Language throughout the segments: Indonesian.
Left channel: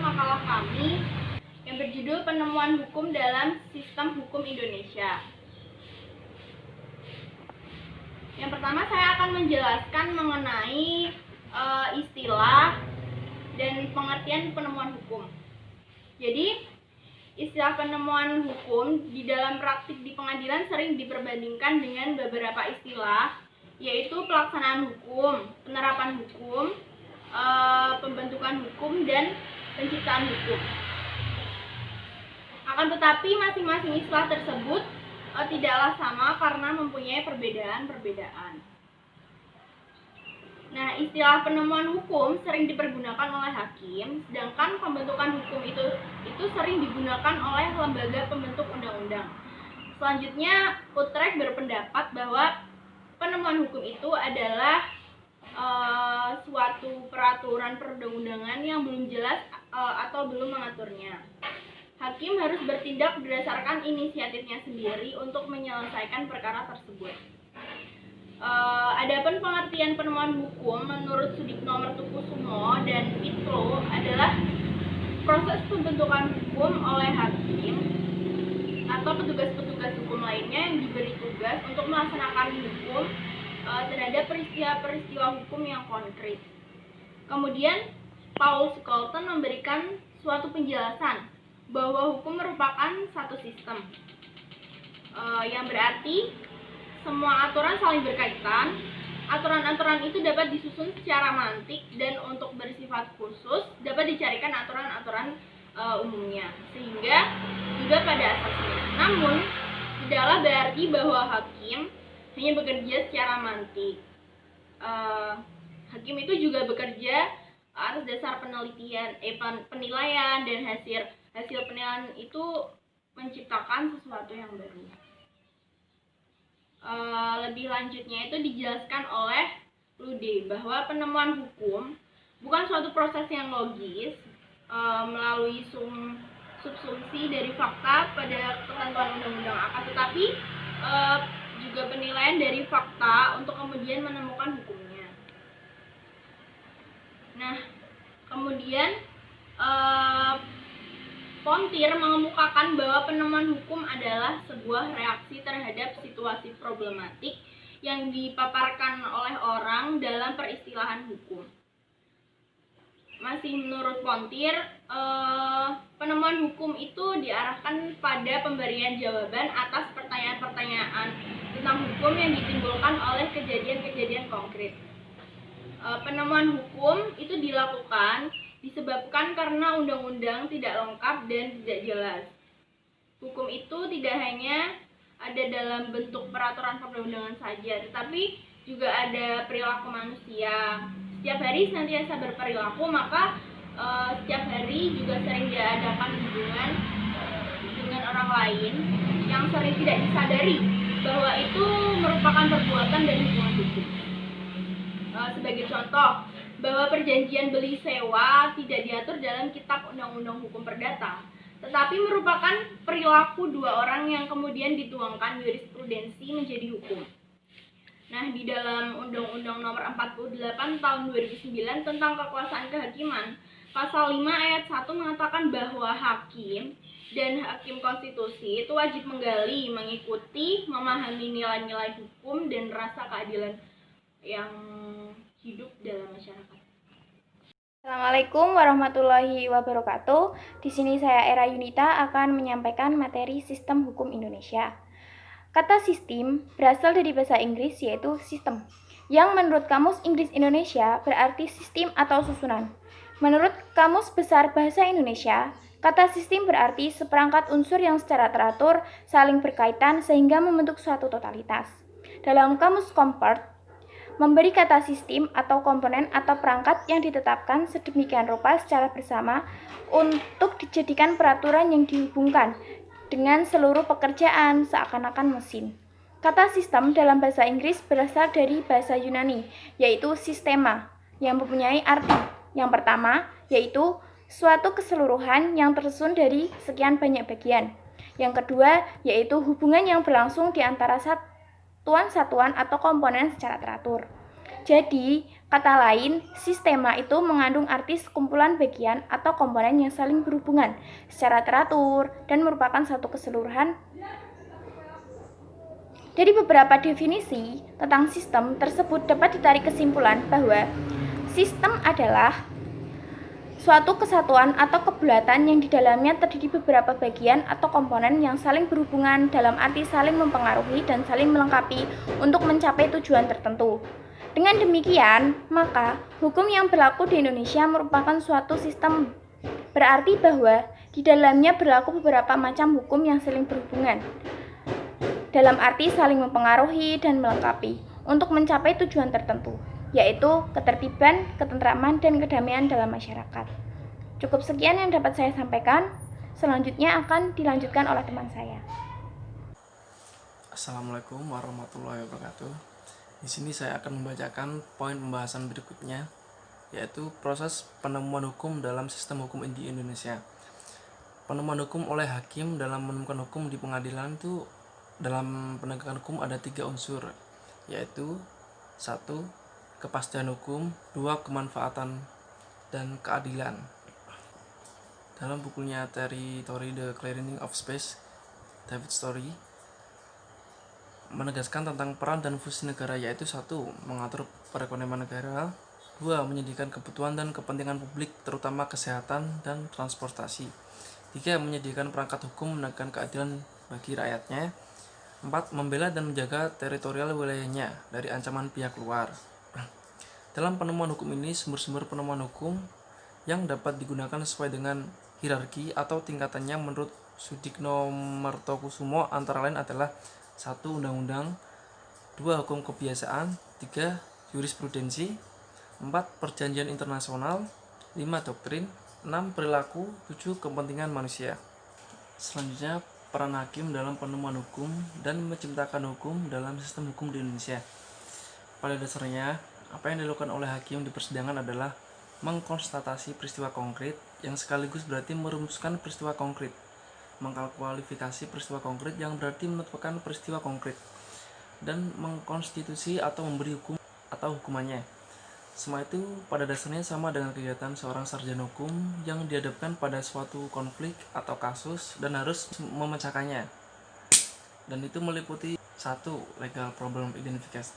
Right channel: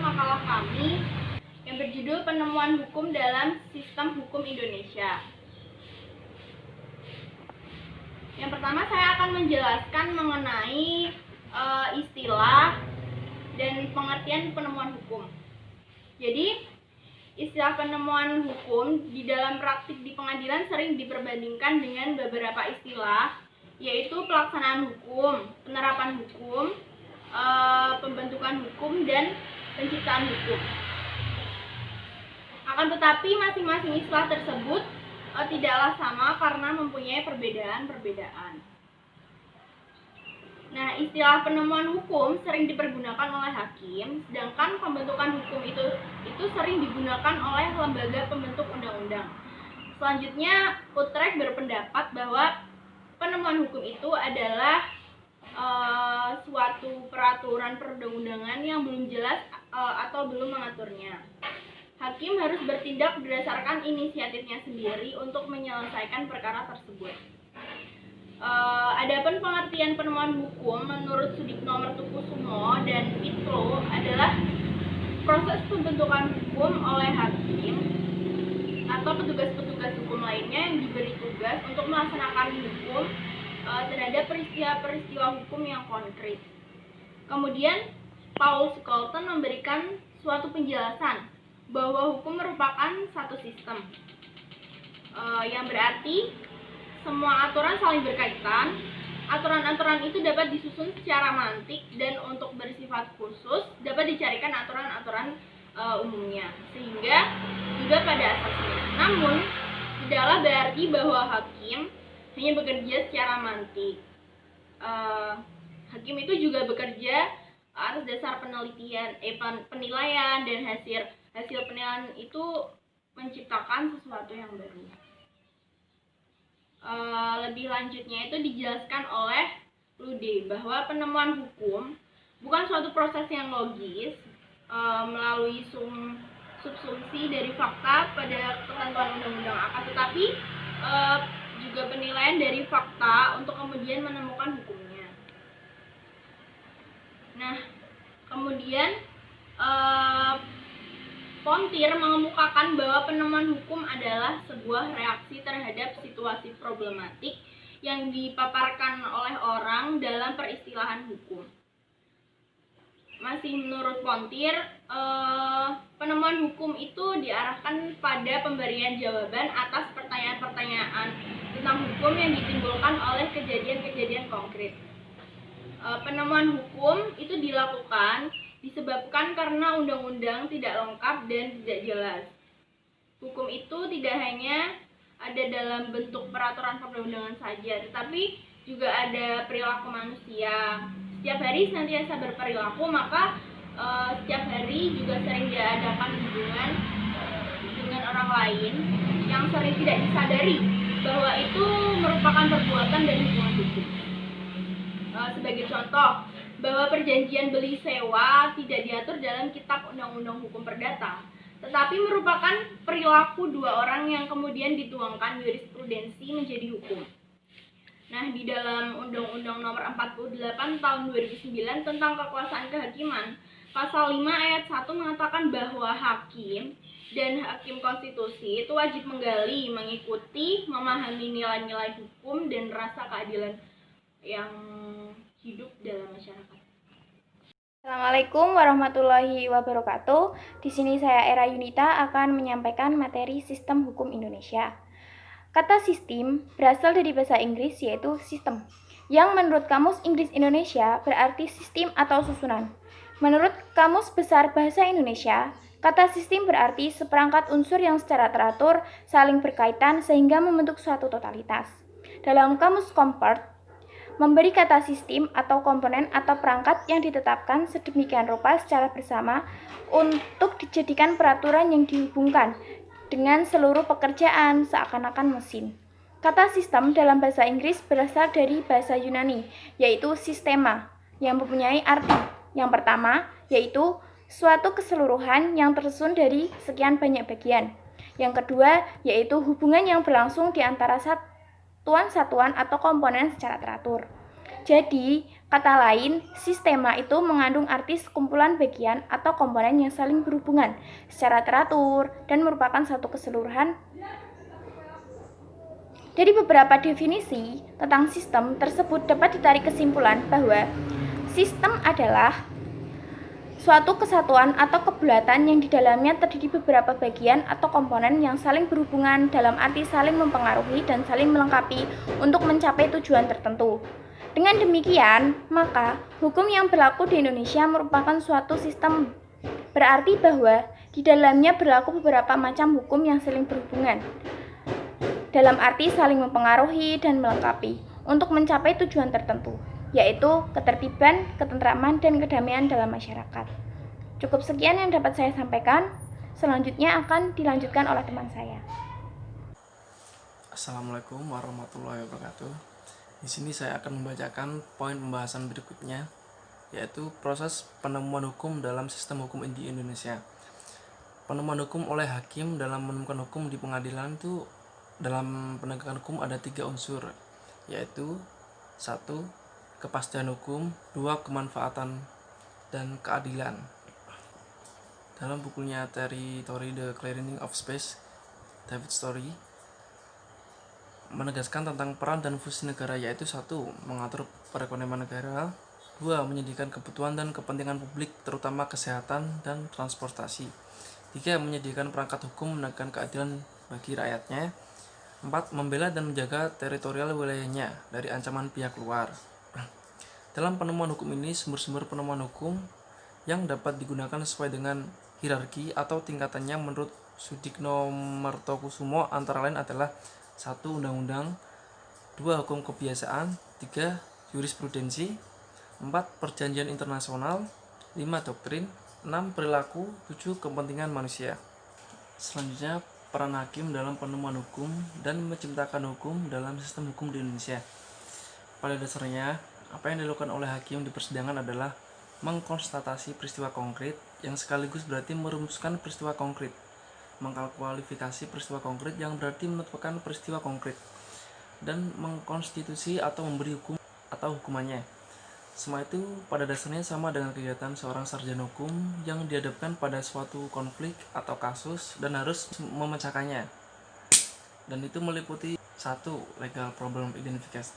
makalah kami yang berjudul Penemuan Hukum dalam Sistem Hukum Indonesia. Yang pertama saya akan menjelaskan mengenai istilah dan pengertian penemuan hukum. Jadi, istilah penemuan hukum di dalam praktik di pengadilan sering diperbandingkan dengan beberapa istilah, yaitu pelaksanaan hukum, penerapan hukum, pembentukan hukum, dan penciptaan hukum. Akan tetapi masing-masing istilah tersebut tidaklah sama karena mempunyai perbedaan-perbedaan. Nah, istilah penemuan hukum sering dipergunakan oleh hakim, sedangkan pembentukan hukum itu sering digunakan oleh lembaga pembentuk undang-undang. Selanjutnya, Utrecht berpendapat bahwa penemuan hukum itu adalah suatu peraturan perundang-undangan yang belum jelas atau belum mengaturnya. Hakim harus bertindak berdasarkan inisiatifnya sendiri untuk menyelesaikan perkara tersebut. Adapun pengertian penemuan hukum menurut Sudikno Mertokusumo dan Pitlo adalah proses pembentukan hukum oleh hakim atau petugas-petugas hukum lainnya yang diberi tugas untuk melaksanakan hukum terhadap peristiwa-peristiwa hukum yang konkret. Kemudian Paul Scolton memberikan suatu penjelasan bahwa hukum merupakan satu sistem, yang berarti semua aturan saling berkaitan. Aturan-aturan itu dapat disusun secara mantik dan untuk bersifat khusus dapat dicarikan aturan-aturan umumnya, sehingga juga pada asasnya. Namun, tidaklah berarti bahwa hakim hanya bekerja secara mantik. Hakim itu juga bekerja atas dasar penilaian, dan hasil penilaian itu menciptakan sesuatu yang baru. Lebih lanjutnya itu dijelaskan oleh Lude bahwa penemuan hukum bukan suatu proses yang logis melalui subsumsi dari fakta pada ketentuan undang-undang, akan tetapi juga penilaian dari fakta untuk kemudian menemukan hukumnya. Nah, kemudian Pontier mengemukakan bahwa penemuan hukum adalah sebuah reaksi terhadap situasi problematik yang dipaparkan oleh orang dalam peristilahan hukum. Masih menurut Pontier, penemuan hukum itu diarahkan pada pemberian jawaban atas pertanyaan-pertanyaan tentang hukum yang ditimbulkan oleh kejadian-kejadian konkret. Penemuan hukum itu dilakukan disebabkan karena undang-undang tidak lengkap dan tidak jelas. Hukum itu tidak hanya ada dalam bentuk peraturan perundang-undangan saja, tetapi juga ada perilaku manusia. Setiap hari senantiasa berperilaku, maka setiap hari juga sering diadakan hubungan dengan orang lain yang sering tidak disadari bahwa itu merupakan perbuatan dan hubungan hukum. Sebagai contoh, bahwa perjanjian beli sewa tidak diatur dalam Kitab Undang-Undang Hukum Perdata, tetapi merupakan perilaku dua orang yang kemudian dituangkan jurisprudensi menjadi hukum. Nah, di dalam Undang-Undang Nomor 48 Tahun 2009 tentang Kekuasaan Kehakiman, Pasal 5 Ayat 1 mengatakan bahwa hakim dan hakim konstitusi itu wajib menggali, mengikuti, memahami nilai-nilai hukum dan rasa keadilan yang hidup dalam masyarakat. Assalamualaikum warahmatullahi wabarakatuh. Di sini saya Era Yunita akan menyampaikan materi Sistem Hukum Indonesia. Kata sistem berasal dari bahasa Inggris yaitu system, yang menurut Kamus Inggris Indonesia berarti sistem atau susunan. Menurut Kamus Besar Bahasa Indonesia, kata sistem berarti seperangkat unsur yang secara teratur saling berkaitan sehingga membentuk suatu totalitas. Dalam Kamus Kompart, memberi kata sistem atau komponen atau perangkat yang ditetapkan sedemikian rupa secara bersama untuk dijadikan peraturan yang dihubungkan dengan seluruh pekerjaan seakan-akan mesin. Kata sistem dalam bahasa Inggris berasal dari bahasa Yunani, yaitu sistema, yang mempunyai arti. Yang pertama, yaitu suatu keseluruhan yang tersusun dari sekian banyak bagian. Yang kedua, yaitu hubungan yang berlangsung di antara satuan-satuan atau komponen secara teratur. Jadi, kata lain, sistema itu mengandung arti sekumpulan bagian atau komponen yang saling berhubungan secara teratur dan merupakan satu keseluruhan. Dari beberapa definisi tentang sistem tersebut dapat ditarik kesimpulan bahwa sistem adalah suatu kesatuan atau kebulatan yang di dalamnya terdiri beberapa bagian atau komponen yang saling berhubungan dalam arti saling mempengaruhi dan saling melengkapi untuk mencapai tujuan tertentu. Dengan demikian, maka hukum yang berlaku di Indonesia merupakan suatu sistem. Berarti bahwa di dalamnya berlaku beberapa macam hukum yang saling berhubungan dalam arti saling mempengaruhi dan melengkapi untuk mencapai tujuan tertentu, yaitu ketertiban, ketentraman, dan kedamaian dalam masyarakat. Cukup sekian yang dapat saya sampaikan. Selanjutnya akan dilanjutkan oleh teman saya. Assalamualaikum warahmatullahi wabarakatuh. Di sini saya akan membacakan poin pembahasan berikutnya, yaitu proses penemuan hukum dalam sistem hukum di Indonesia. Penemuan hukum oleh hakim dalam menemukan hukum di pengadilan itu dalam penegakan hukum ada 3 unsur, yaitu 1. Kepastian hukum, 2. Kemanfaatan dan keadilan. Dalam bukunya Territory The Clearing of Space, David Story menegaskan tentang peran dan fungsi negara, yaitu 1. Mengatur perekonomian negara, 2. Menyediakan kebutuhan dan kepentingan publik terutama kesehatan dan transportasi, 3. Menyediakan perangkat hukum menegakkan keadilan bagi rakyatnya, 4. Membela dan menjaga teritorial wilayahnya dari ancaman pihak luar. Dalam penemuan hukum ini, sumber-sumber penemuan hukum yang dapat digunakan sesuai dengan hierarki atau tingkatannya menurut Sudikno Martokusumo antara lain adalah 1. Undang-undang, 2. Hukum kebiasaan, 3. Jurisprudensi, 4. Perjanjian internasional, 5. Doktrin, 6. Perilaku, 7. Kepentingan manusia. Selanjutnya, peran hakim dalam penemuan hukum dan menciptakan hukum dalam sistem hukum di Indonesia. Pada dasarnya, apa yang dilakukan oleh hakim di persidangan adalah mengkonstatasi peristiwa konkret yang sekaligus berarti merumuskan peristiwa konkret, mengkualifikasi peristiwa konkret yang berarti menetapkan peristiwa konkret, dan mengkonstitusi atau memberi hukum atau hukumannya. Semua itu pada dasarnya sama dengan kegiatan seorang sarjana hukum yang dihadapkan pada suatu konflik atau kasus dan harus memecahkannya. Dan itu meliputi 1. Legal problem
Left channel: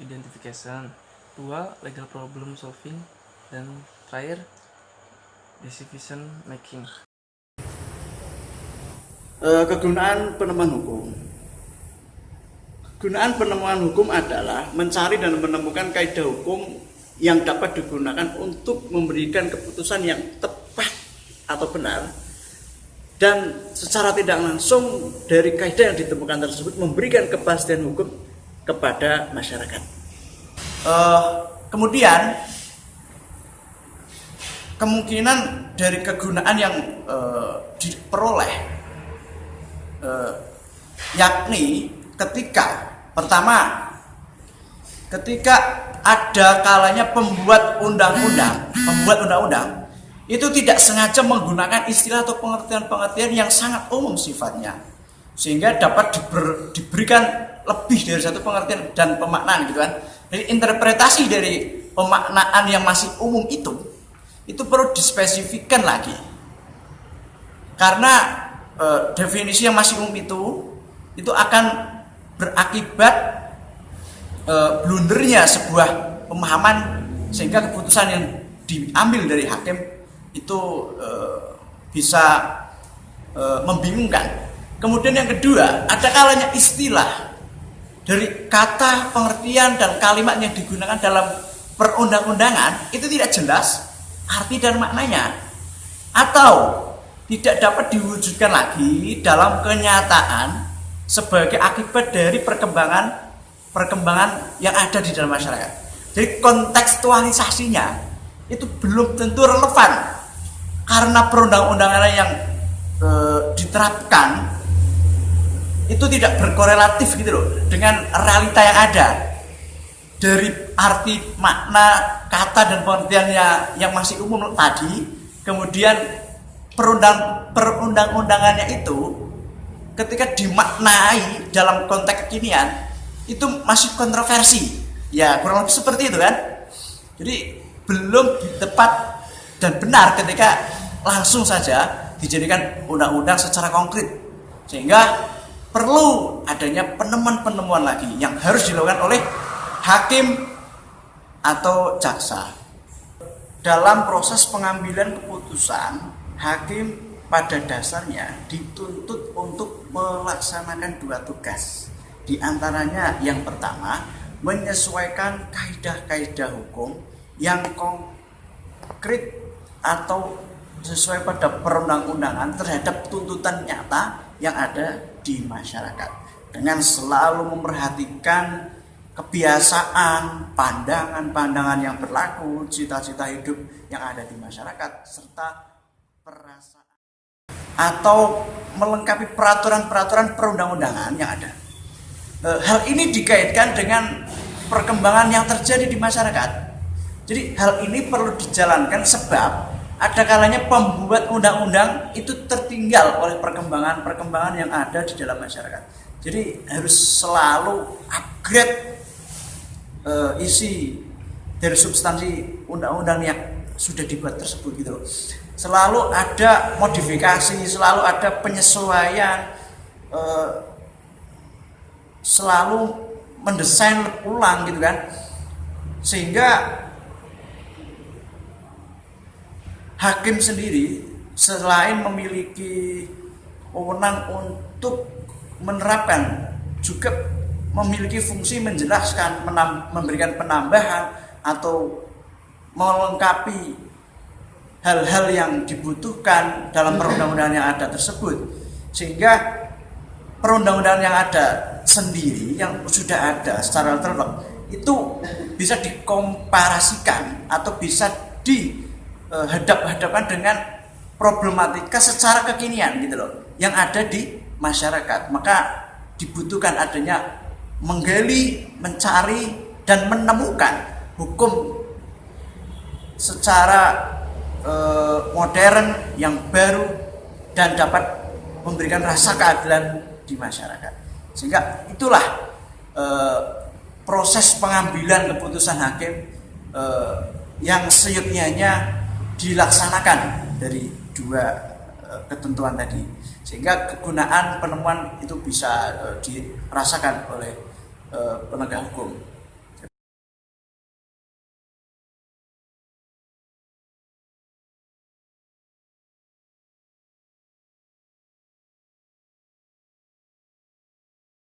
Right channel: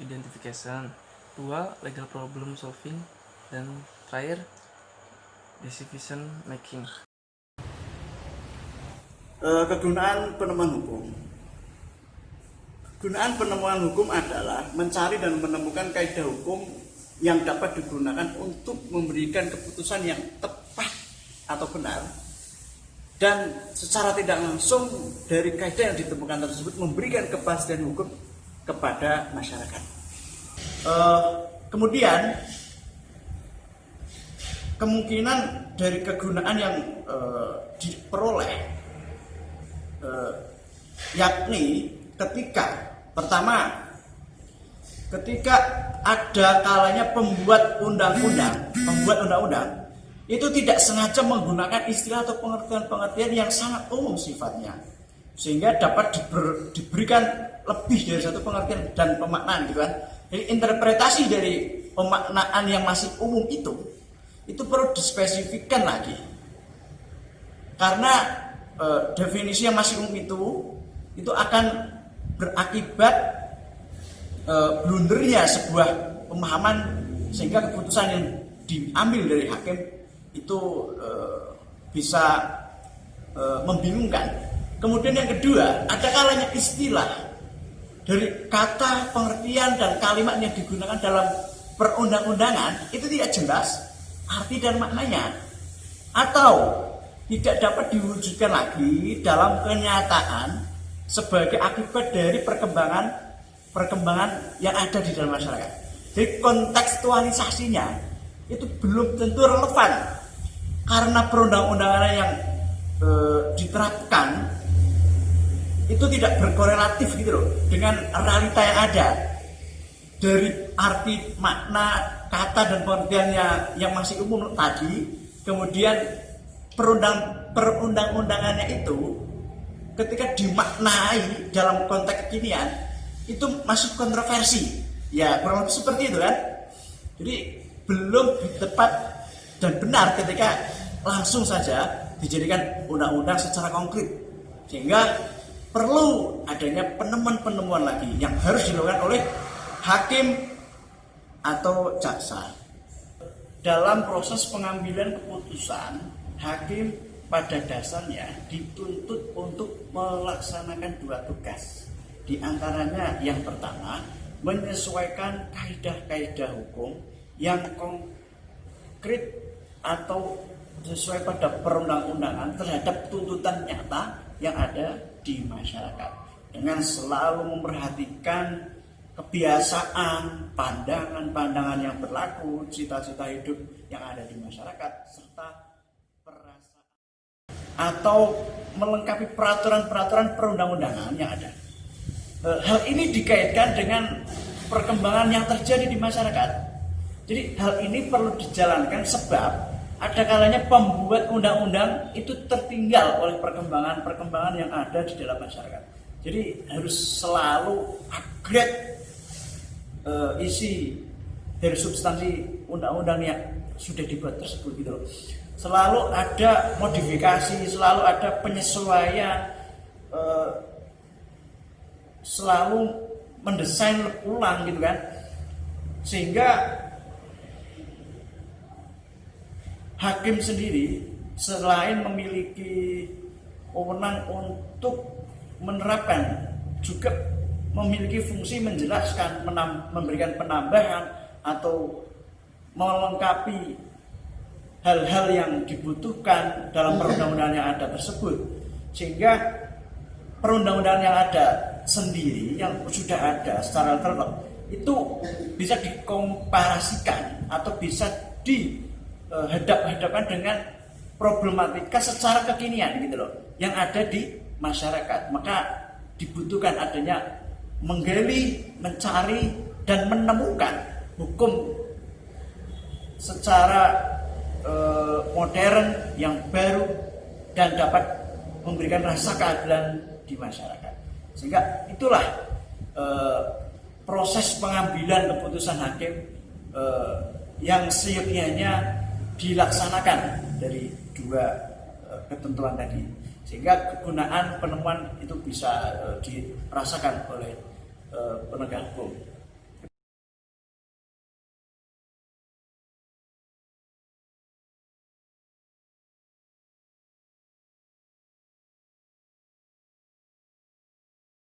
identification, 2. Legal problem solving, dan terakhir decision making. Kegunaan penemuan hukum. Kegunaan penemuan hukum adalah mencari dan menemukan kaidah hukum yang dapat digunakan untuk memberikan keputusan yang tepat atau benar, dan secara tidak langsung dari kaidah yang ditemukan tersebut memberikan kepastian hukum kepada masyarakat. Kemudian kemungkinan dari kegunaan yang diperoleh yakni ketika ada kalanya pembuat undang-undang itu tidak sengaja menggunakan istilah atau pengertian-pengertian yang sangat umum sifatnya, sehingga dapat diberikan lebih dari satu pengertian dan pemaknaan gitu kan. Jadi interpretasi dari pemaknaan yang masih umum itu perlu dispesifikkan lagi, karena definisi yang masih umum itu akan berakibat blundernya sebuah pemahaman, sehingga keputusan yang diambil dari hakim itu bisa membingungkan. Kemudian yang kedua, ada kalanya istilah dari kata, pengertian, dan kalimat yang digunakan dalam perundang-undangan itu tidak jelas arti dan maknanya, atau tidak dapat diwujudkan lagi dalam kenyataan sebagai akibat dari perkembangan yang ada di dalam masyarakat. Jadi kontekstualisasinya itu belum tentu relevan, karena perundang-undangan yang diterapkan itu tidak berkorelatif gitu loh dengan realita yang ada. Dari arti makna kata dan pengertiannya yang masih umum tadi, kemudian perundang-undangannya itu ketika dimaknai dalam konteks kekinian itu masih kontroversi. Ya kurang lebih seperti itu kan. Jadi belum tepat dan benar ketika langsung saja dijadikan undang-undang secara konkret, sehingga perlu adanya penemuan-penemuan lagi yang harus dilakukan oleh hakim atau jaksa. Dalam proses pengambilan keputusan, hakim pada dasarnya dituntut untuk melaksanakan 2 tugas. Di antaranya yang pertama, menyesuaikan kaidah-kaidah hukum yang konkret atau sesuai pada perundang-undangan terhadap tuntutan nyata yang ada di masyarakat, dengan selalu memperhatikan kebiasaan, pandangan-pandangan yang berlaku, cita-cita hidup yang ada di masyarakat, serta perasaan atau melengkapi peraturan-peraturan perundang-undangan yang ada. Hal ini dikaitkan dengan perkembangan yang terjadi di masyarakat. Jadi hal ini perlu dijalankan sebab ada kalanya pembuat undang-undang itu tertinggal oleh perkembangan yang ada di dalam masyarakat. Jadi harus selalu upgrade isi dari substansi undang-undang yang sudah dibuat tersebut gitu loh. Selalu ada modifikasi, selalu ada penyesuaian, selalu mendesain ulang gitu kan, sehingga hakim sendiri selain memiliki wewenang untuk menerapkan, juga memiliki fungsi menjelaskan, memberikan penambahan atau melengkapi hal-hal yang dibutuhkan dalam perundang-undangan yang ada tersebut, sehingga perundang-undangan yang ada sendiri yang sudah ada secara terlebih itu bisa dikomparasikan atau bisa dihadap-hadapkan dengan problematika secara kekinian gitu loh yang ada di masyarakat. Maka dibutuhkan adanya menggali, mencari dan menemukan hukum secara modern yang baru dan dapat memberikan rasa keadilan di masyarakat. Sehingga itulah proses pengambilan keputusan hakim yang seyogyanya dilaksanakan dari 2 ketentuan tadi, sehingga kegunaan penemuan itu bisa dirasakan oleh penegak hukum.